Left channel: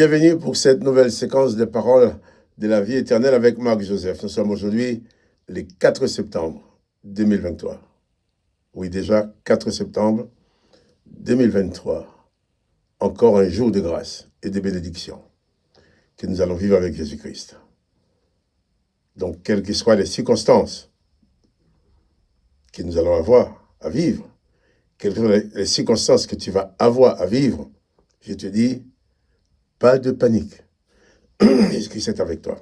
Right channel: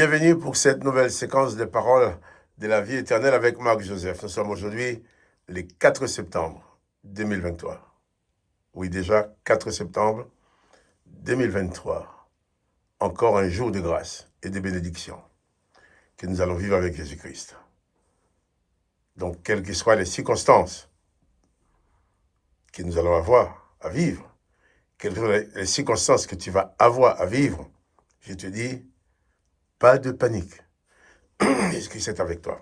Bienvenue pour cette nouvelle séquence de paroles de la vie éternelle avec Marc Joseph. Nous sommes aujourd'hui le 4 septembre 2023. Oui, déjà 4 septembre 2023. Encore un jour de grâce et de bénédiction que nous allons vivre avec Jésus-Christ. Donc, quelles que soient les circonstances que nous allons avoir à vivre, quelles que soient les circonstances que tu vas avoir à vivre, je te dis, pas de panique. Jésus-Christ est avec toi.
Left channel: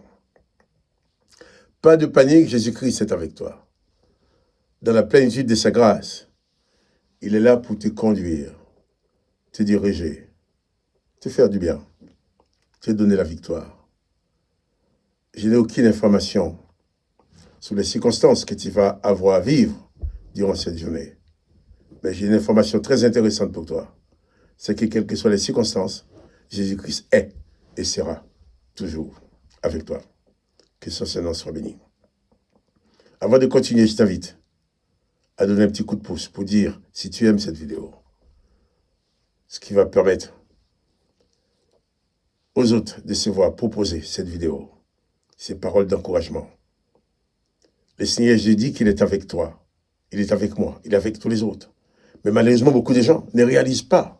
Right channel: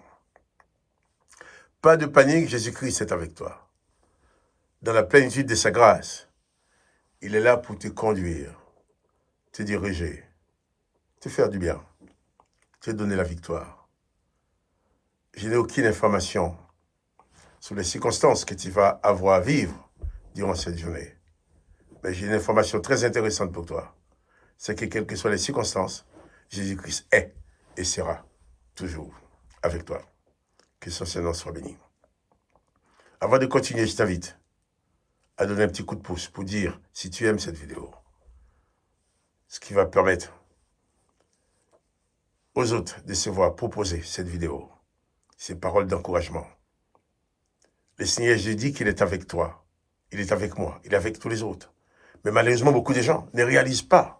Pas de panique, Jésus-Christ est avec toi. Dans la plénitude de sa grâce, il est là pour te conduire, te diriger, te faire du bien, te donner la victoire. Je n'ai aucune information sur les circonstances que tu vas avoir à vivre durant cette journée. Mais j'ai une information très intéressante pour toi. C'est que quelles que soient les circonstances, Jésus-Christ est et sera toujours avec toi. Que son nom soit béni. Avant de continuer, je t'invite à donner un petit coup de pouce pour dire si tu aimes cette vidéo. Ce qui va permettre aux autres de se voir proposer cette vidéo, ces paroles d'encouragement. Le Seigneur Jésus dit qu'il est avec toi, il est avec moi, il est avec tous les autres. Mais malheureusement, beaucoup de gens ne réalisent pas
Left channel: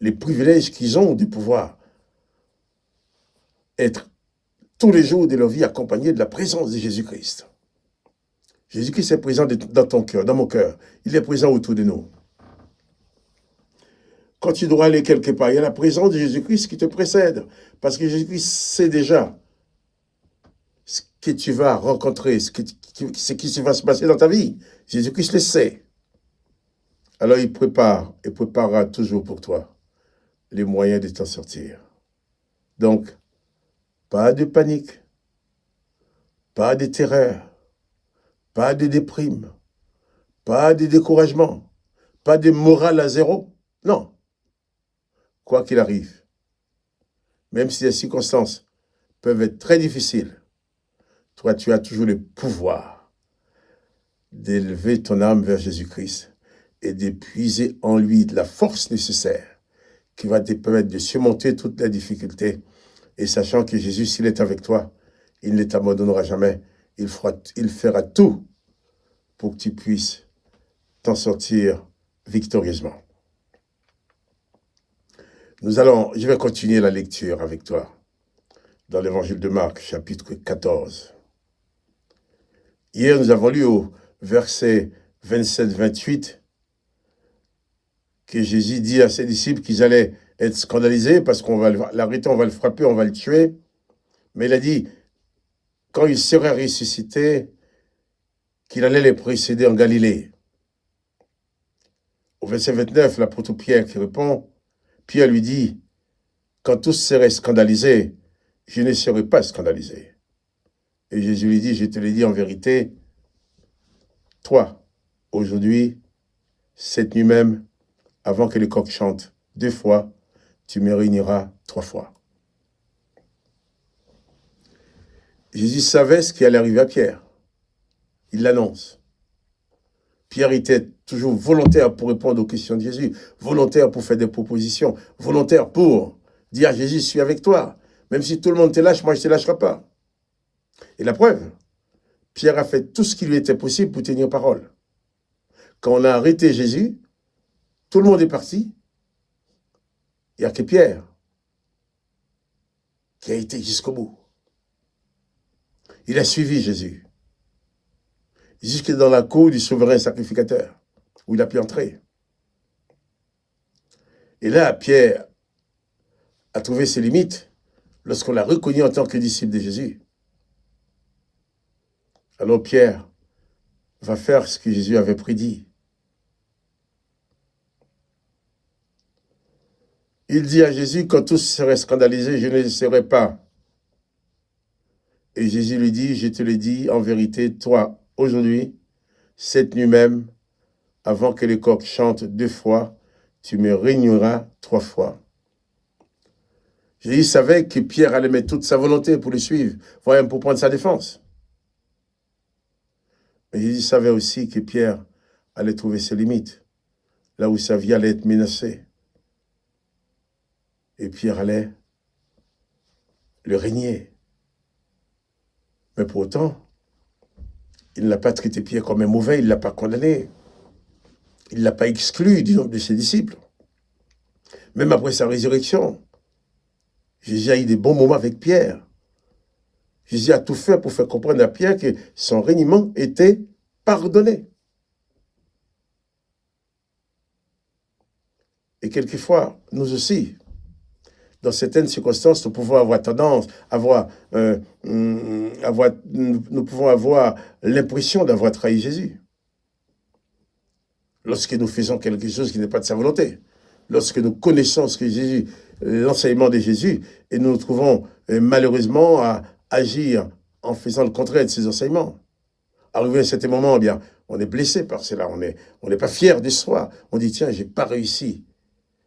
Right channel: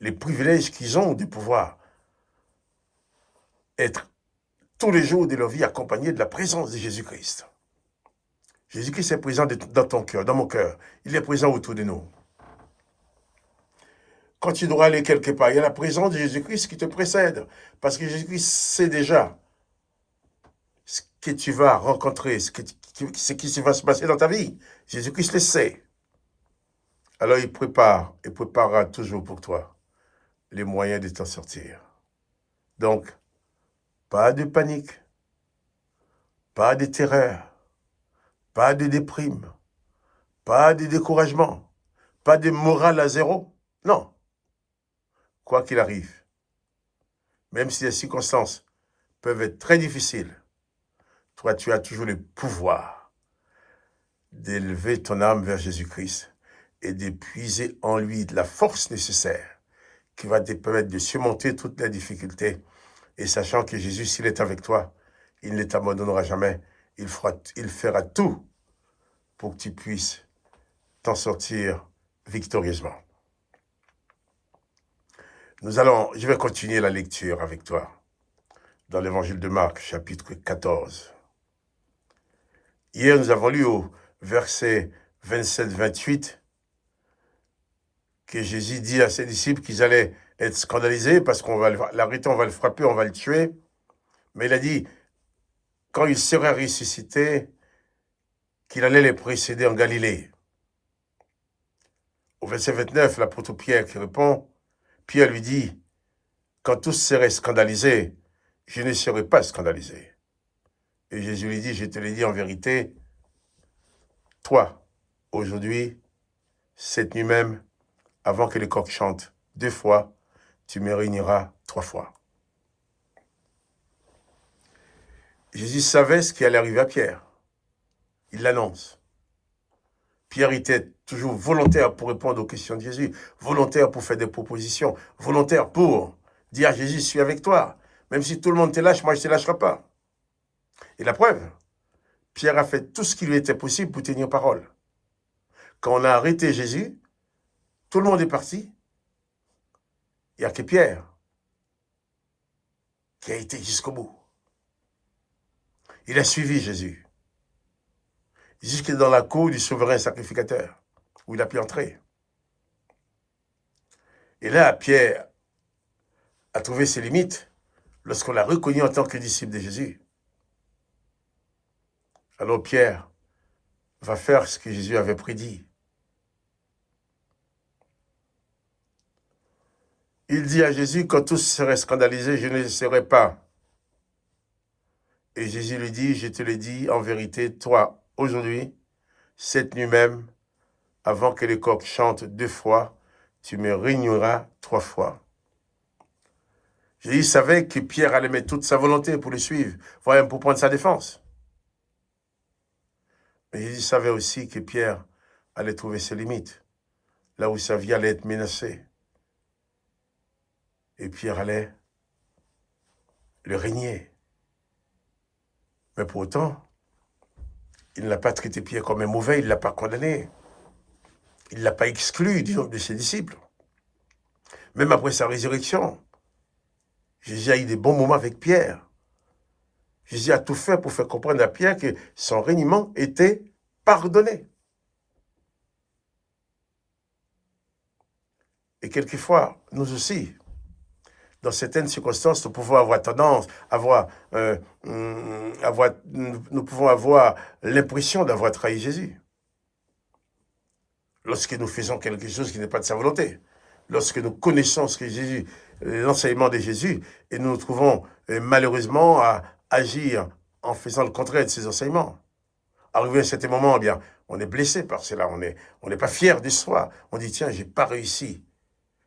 les privilèges qu'ils ont de pouvoir être tous les jours de leur vie accompagnés de la présence de Jésus-Christ. Jésus-Christ est présent dans ton cœur, dans mon cœur. Il est présent autour de nous. Quand tu dois aller quelque part, il y a la présence de Jésus-Christ qui te précède. Parce que Jésus-Christ sait déjà ce que tu vas rencontrer, ce qui va se passer dans ta vie. Jésus-Christ le sait. Alors il prépare et préparera toujours pour toi les moyens de t'en sortir. Donc, pas de panique, pas de terreur, pas de déprime, pas de découragement, pas de morale à zéro. Non. Quoi qu'il arrive, même si les circonstances peuvent être très difficiles, toi, tu as toujours le pouvoir d'élever ton âme vers Jésus-Christ et d'épuiser en lui de la force nécessaire qui va te permettre de surmonter toutes les difficultés. Et sachant que Jésus, s'il est avec toi, il ne t'abandonnera jamais. Il fera tout pour que tu puisses t'en sortir victorieusement. Je vais continuer la lecture avec toi dans l'évangile de Marc, chapitre 14. Hier, nous avons lu au verset 27-28 que Jésus dit à ses disciples qu'ils allaient être scandalisés parce qu'on va l'arrêter, on va le frapper, on va le tuer. Mais il a dit, quand il serait ressuscité, qu'il allait les précéder en Galilée. Au verset 29, l'apôtre Pierre qui répond, Pierre lui dit, quand tous seraient scandalisés, je ne serai pas scandalisé. Et Jésus lui dit, je te le dis en vérité, toi, aujourd'hui, cette nuit même, avant que le coq chante 2 fois, tu me réuniras 3 fois. Jésus savait ce qui allait arriver à Pierre. Il l'annonce. Pierre était toujours volontaire pour répondre aux questions de Jésus, volontaire pour faire des propositions, volontaire pour dire à Jésus, je suis avec toi. Même si tout le monde te lâche, moi je ne te lâcherai pas. Et la preuve, Pierre a fait tout ce qui lui était possible pour tenir parole. Quand on a arrêté Jésus, tout le monde est parti. Il n'y a que Pierre qui a été jusqu'au bout. Il a suivi Jésus jusque dans la cour du souverain sacrificateur, où il a pu entrer. Et là, Pierre a trouvé ses limites lorsqu'on l'a reconnu en tant que disciple de Jésus. Alors Pierre va faire ce que Jésus avait prédit. Il dit à Jésus, quand tous seraient scandalisés, je ne le serai pas. Et Jésus lui dit, je te le dis en vérité, toi, aujourd'hui, cette nuit même, avant que le coq chante 2 fois, tu me régneras 3 fois. Jésus savait que Pierre allait mettre toute sa volonté pour le suivre, voire même pour prendre sa défense. Mais Jésus savait aussi que Pierre allait trouver ses limites, là où sa vie allait être menacée. Et Pierre allait le régner. Mais pour autant, il n'a pas traité Pierre comme un mauvais, il ne l'a pas condamné. Il ne l'a pas exclu du nombre de ses disciples. Même après sa résurrection, Jésus a eu des bons moments avec Pierre. Jésus a tout fait pour faire comprendre à Pierre que son régnement était pardonné. Et quelquefois, nous aussi, dans certaines circonstances, nous pouvons avoir tendance, nous pouvons avoir l'impression d'avoir trahi Jésus. Lorsque nous faisons quelque chose qui n'est pas de sa volonté, lorsque nous connaissons ce que Jésus, l'enseignement de Jésus, et nous nous trouvons malheureusement à agir en faisant le contraire de ses enseignements. Arrivé à un certain moment, eh bien, on est blessé par cela, on n'est pas fier de soi. On dit, tiens, j'ai pas réussi.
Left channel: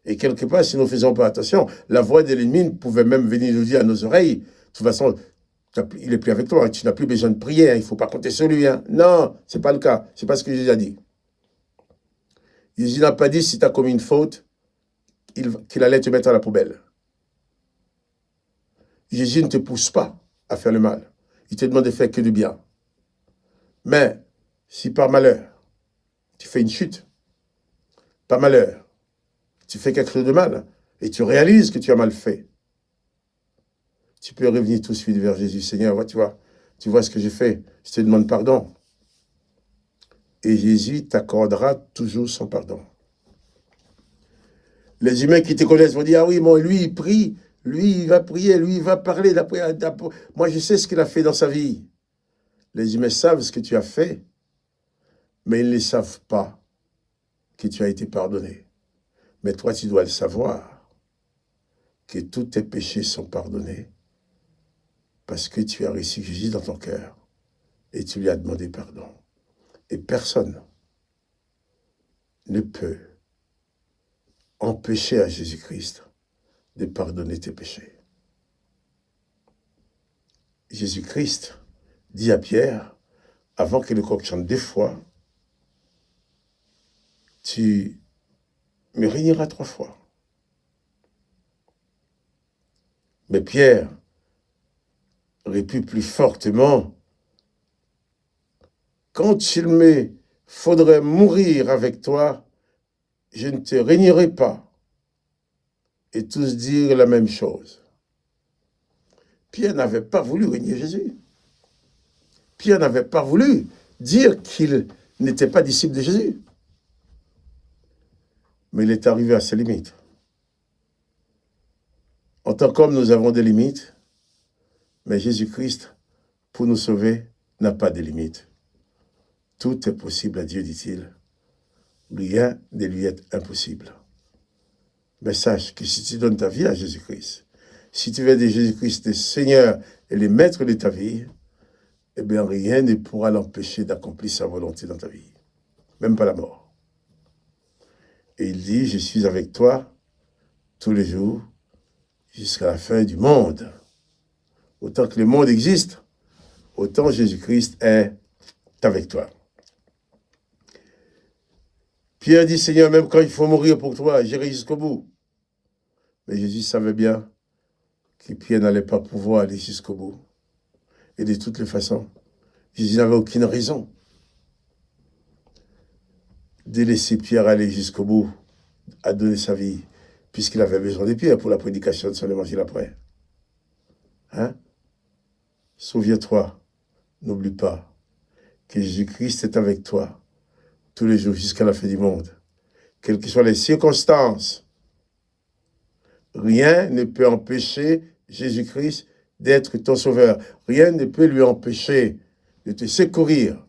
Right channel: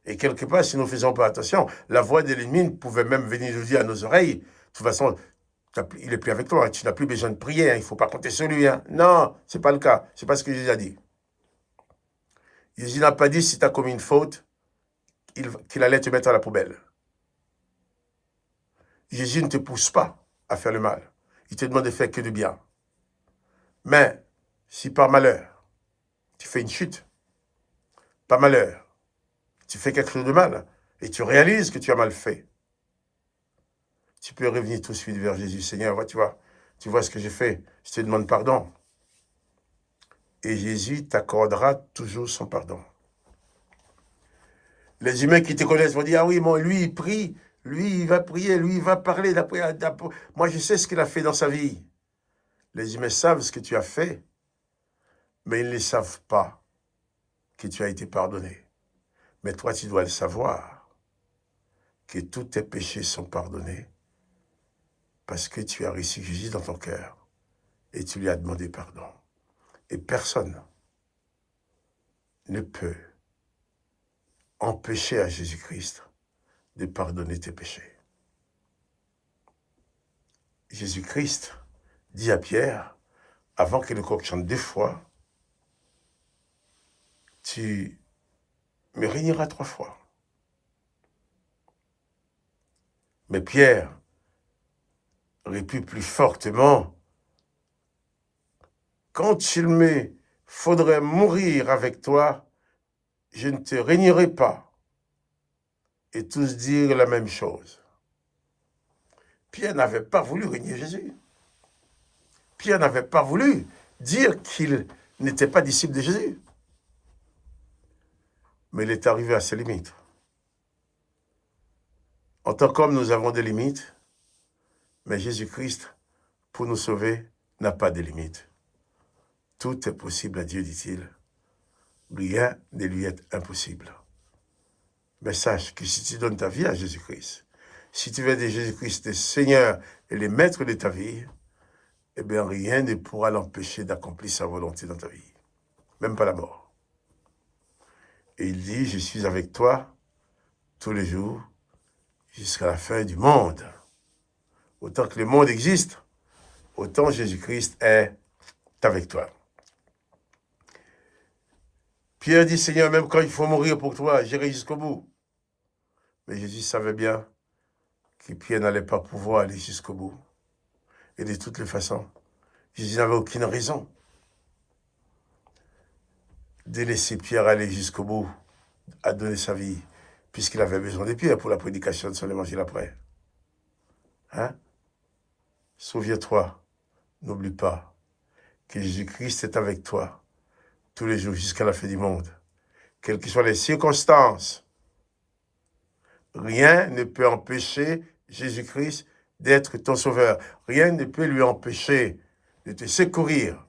Et quelque part, si nous ne faisons pas attention, la voix de l'ennemi pouvait même venir nous dire à nos oreilles, de toute façon, il n'est plus avec toi, tu n'as plus besoin de prier, hein, il ne faut pas compter sur lui. Hein. Non, ce n'est pas le cas, ce n'est pas ce que Jésus a dit. Jésus n'a pas dit, si tu as commis une faute, qu'il allait te mettre à la poubelle. Jésus ne te pousse pas à faire le mal. Il te demande de faire que du bien. Mais, si par malheur, tu fais une chute, par malheur, tu fais quelque chose de mal, et tu réalises que tu as mal fait, tu peux revenir tout de suite vers Jésus. Seigneur, tu vois ce que j'ai fait, je te demande pardon. Et Jésus t'accordera toujours son pardon. Les humains qui te connaissent vont dire, ah oui, moi, lui, il prie, lui, il va prier, lui, il va parler. Moi, je sais ce qu'il a fait dans sa vie. Les humains savent ce que tu as fait, mais ils ne savent pas que tu as été pardonné. Mais toi, tu dois le savoir, que tous tes péchés sont pardonnés parce que tu as reçu Jésus dans ton cœur et tu lui as demandé pardon. Et personne ne peut empêcher à Jésus-Christ de pardonner tes péchés. Jésus-Christ dit à Pierre, avant que le coq chante 2 fois, tu me régneras 3 fois. Mais Pierre répond plus fortement, quand il me faudrait mourir avec toi, je ne te régnerai pas. Et tous dirent la même chose. Pierre n'avait pas voulu régner Jésus. Pierre n'avait pas voulu dire qu'il n'était pas disciple de Jésus. Mais il est arrivé à ses limites. En tant qu'homme, nous avons des limites, mais Jésus-Christ, pour nous sauver, n'a pas de limites. Tout est possible à Dieu, dit-il. Rien ne lui est impossible. Mais sache que si tu donnes ta vie à Jésus-Christ, si tu veux de Jésus-Christ le Seigneur et le Maître de ta vie, eh bien rien ne pourra l'empêcher d'accomplir sa volonté dans ta vie. Même pas la mort. Et il dit, je suis avec toi tous les jours jusqu'à la fin du monde. Autant que le monde existe, autant Jésus-Christ est avec toi. Pierre dit, Seigneur, même quand il faut mourir pour toi, j'irai jusqu'au bout. Mais Jésus savait bien que Pierre n'allait pas pouvoir aller jusqu'au bout. Et de toutes les façons, Jésus n'avait aucune raison de laisser Pierre aller jusqu'au bout, à donner sa vie, puisqu'il avait besoin de Pierre pour la prédication de son évangile après. Hein? Souviens-toi, n'oublie pas que Jésus-Christ est avec toi tous les jours jusqu'à la fin du monde. Quelles que soient les circonstances, rien ne peut empêcher Jésus-Christ d'être ton sauveur. Rien ne peut lui empêcher de te secourir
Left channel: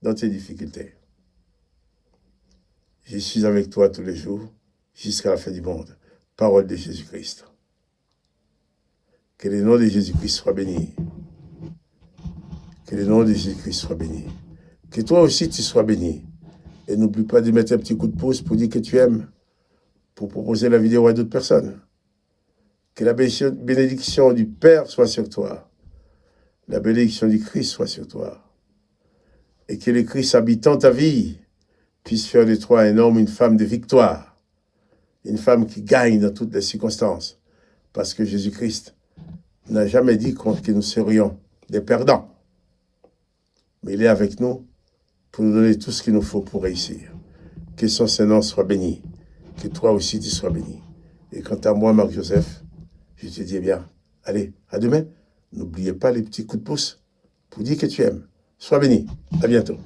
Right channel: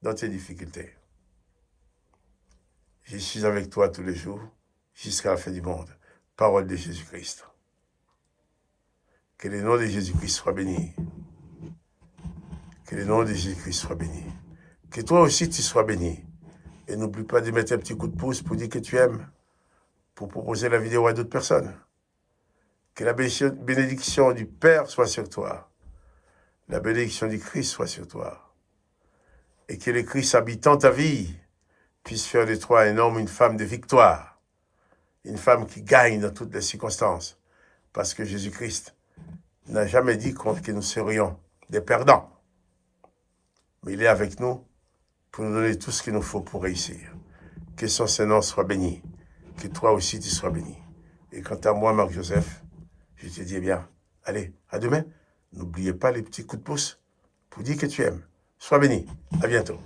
dans tes difficultés. Je suis avec toi tous les jours jusqu'à la fin du monde. Parole de Jésus-Christ. Que le nom de Jésus-Christ soit béni. Que le nom de Jésus-Christ soit béni. Que toi aussi tu sois béni. Et n'oublie pas de mettre un petit coup de pouce pour dire que tu aimes, pour proposer la vidéo à d'autres personnes. Que la bénédiction du Père soit sur toi. La bénédiction du Christ soit sur toi. Et que le Christ habitant ta vie puisse faire de toi un homme, une femme de victoire. Une femme qui gagne dans toutes les circonstances. Parce que Jésus-Christ n'a jamais dit que nous serions des perdants. Mais il est avec nous pour nous donner tout ce qu'il nous faut pour réussir. Que son Seigneur soit béni. Que toi aussi tu sois béni. Et quant à moi, Marc-Joseph, je te dis, eh bien, allez, à demain. N'oubliez pas les petits coups de pouce pour dire que tu aimes. Sois béni. À bientôt.